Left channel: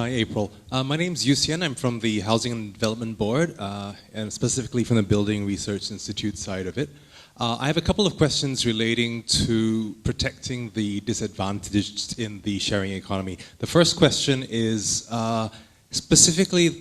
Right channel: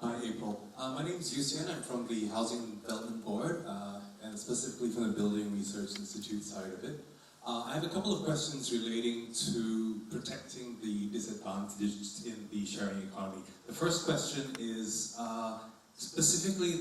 Hi, April. My name's Yusian. I'm from the Housing and Development Board, and specifically from the Building Research Institute side of it. I have a couple of questions relating to protecting the disadvantaged in the sharing economy. The first question is specifically,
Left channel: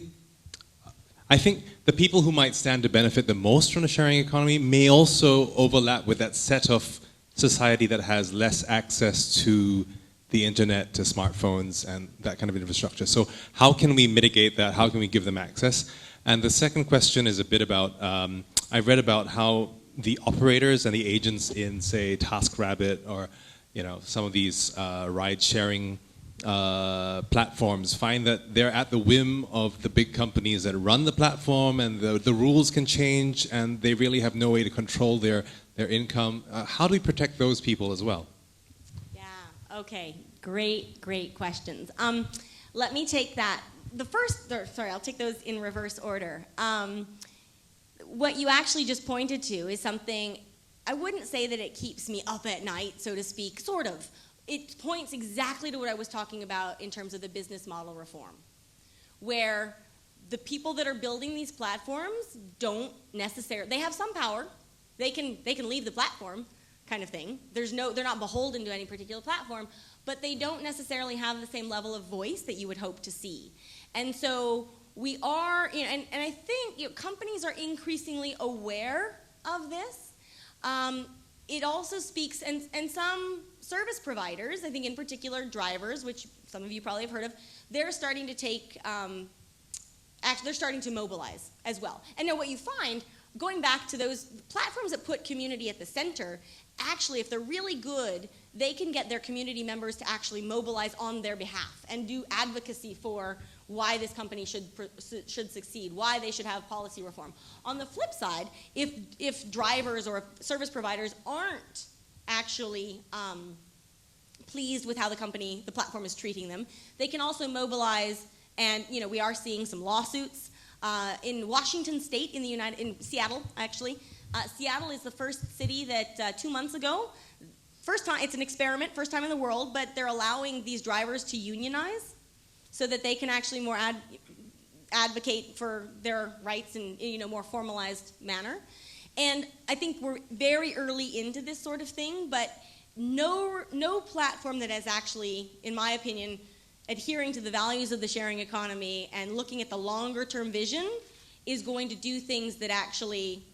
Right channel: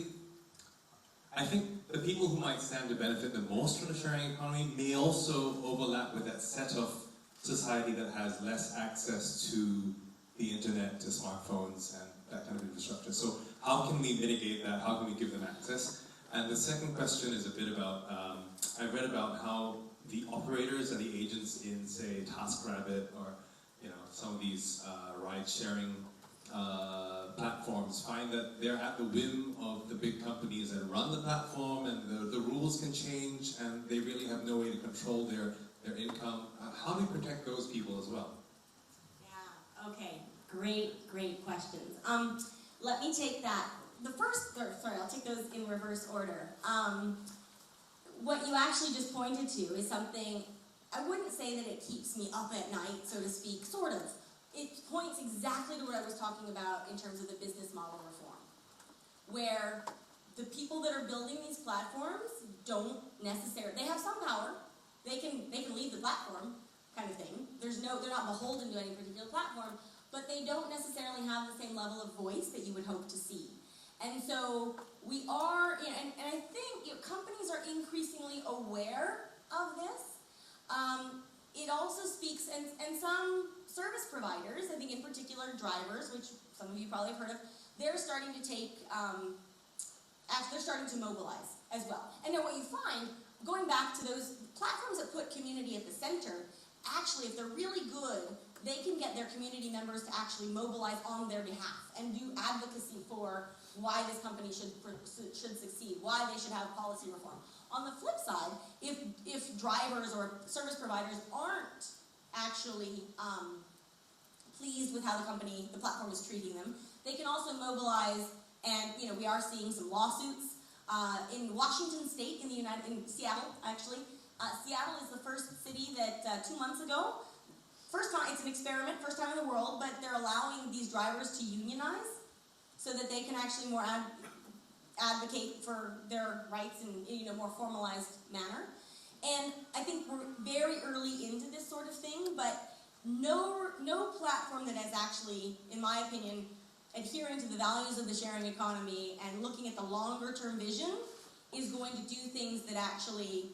I think the people who might stand to benefit the most from the sharing economy may also overlap with that set of society that has less access to the internet, to smartphones, and that kind of infrastructure. So how can we mitigate that? How can we give them access? And the second question is a bit about, I read about how the operators and the agents in, say, TaskRabbit or some of these ride-sharing platforms find that they're at the whim of the big companies that run the platform, and the rules can change, and they really have no way to control their income. How do we protect those people as well? Okay, great questions. Let me take that. I'll take those in reverse order. What you actually just pointed to is something, I wouldn't say that it keeps me up at night, so to speak, sort of. It points exactly to what I was talking about in terms of the business model reform, where the people that are building these platforms don't necessarily, they have some power, they can leave the platform, kind of thing. They're not beholden to any particular platform, but they don't necessarily have the same level of voice that you would hope to see. And so we are, and I think companies are increasingly aware of this. It also speaks, and some service providers, I think in particular drivers, which some of you probably have heard of, they're starting to take, they're starting to mobilize as well. And now what you find, going back to those platforms that put community at the center, actually, if they're really good, they can get their community members to actually mobilize on their behalf and do advocacy for why this company should succeed, why they should have policy reform. On the flip side, if drivers or service providers aren't actually pleased with how the platform is treating them, they can also mobilize, and we are seeing some lawsuits in Washington State, in Seattle, actually. Seattle is the first city that 2 months ago, first time, it's an experiment, first time in the world, but they're allowing these drivers to unionize so that they can actually more advocate for their rights in more formalized manner. And I think we're very early into this sort of thing, but no platform that is actually, in my opinion, adhering to the values of the sharing economy and looking at the longer term vision is going to do things that actually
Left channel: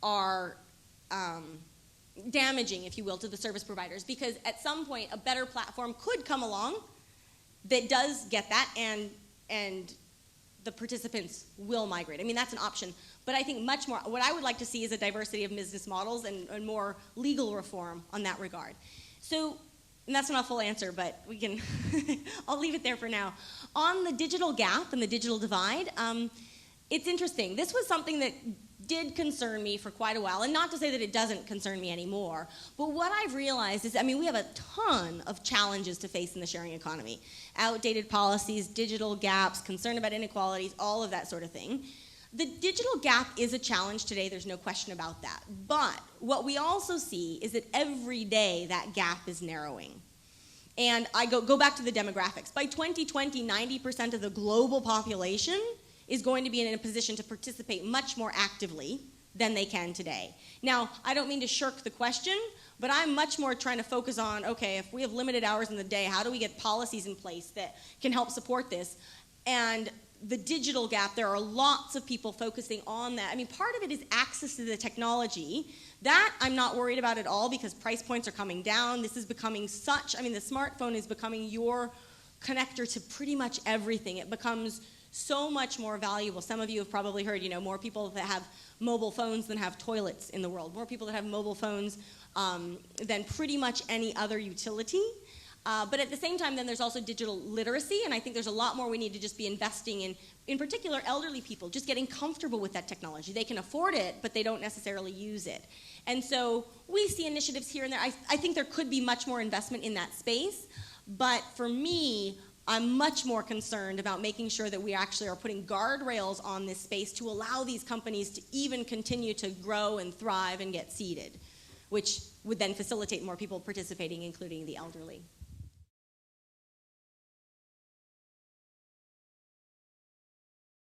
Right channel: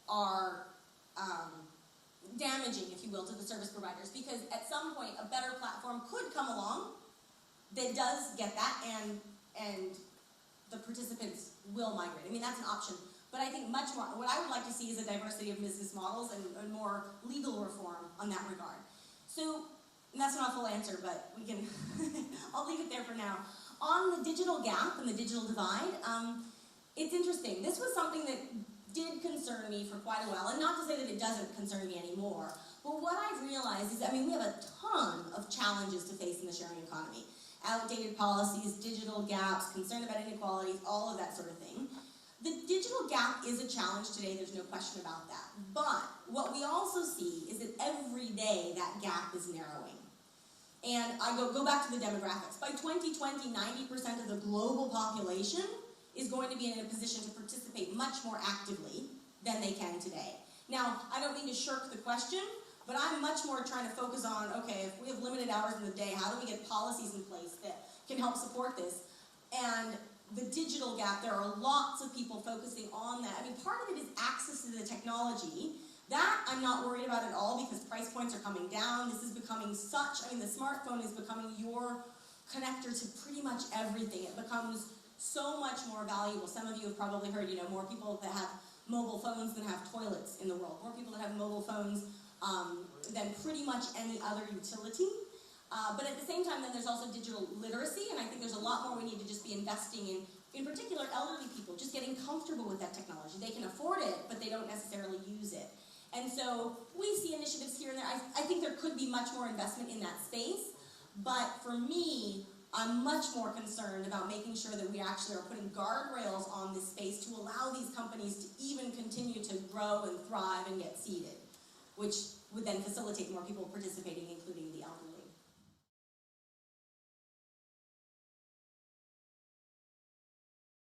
are damaging, if you will, to the service providers, because at some point a better platform could come along that does get that, and the participants will migrate. I mean, that's an option, but I think much more, what I would like to see is a diversity of business models and more legal reform on that regard. So, and that's not a full answer, but we can, I'll leave it there for now. On the digital gap and the digital divide, it's interesting. This was something that did concern me for quite a while, and not to say that it doesn't concern me anymore, but what I've realized is, we have a ton of challenges to face in the sharing economy. Outdated policies, digital gaps, concern about inequalities, all of that sort of thing. The digital gap is a challenge today, there's no question about that. But what we also see is that every day that gap is narrowing. And I go back to the demographics. By 2020, 90% of the global population is going to be in a position to participate much more actively than they can today. Now, I don't mean to shirk the question, but I'm much more trying to focus on, okay, if we have limited hours in the day, how do we get policies in place that can help support this? And the digital gap, there are lots of people focusing on that. Part of it is access to the technology. That I'm not worried about at all, because price points are coming down. This is becoming the smartphone is becoming your connector to pretty much everything. It becomes so much more valuable. Some of you have probably heard, more people that have mobile phones than have toilets in the world. More people that have mobile phones than pretty much any other utility. But at the same time, then there's also digital literacy, and I think there's a lot more we need to just be investing in particular elderly people, just getting comfortable with that technology. They can afford it, but they don't necessarily use it. And so we see initiatives here and there. I think there could be much more investment in that space, but for me, I'm much more concerned about making sure that we actually are putting guardrails on this space to allow these companies to even continue to grow and thrive and get seeded, which would then facilitate more people participating, including the elderly.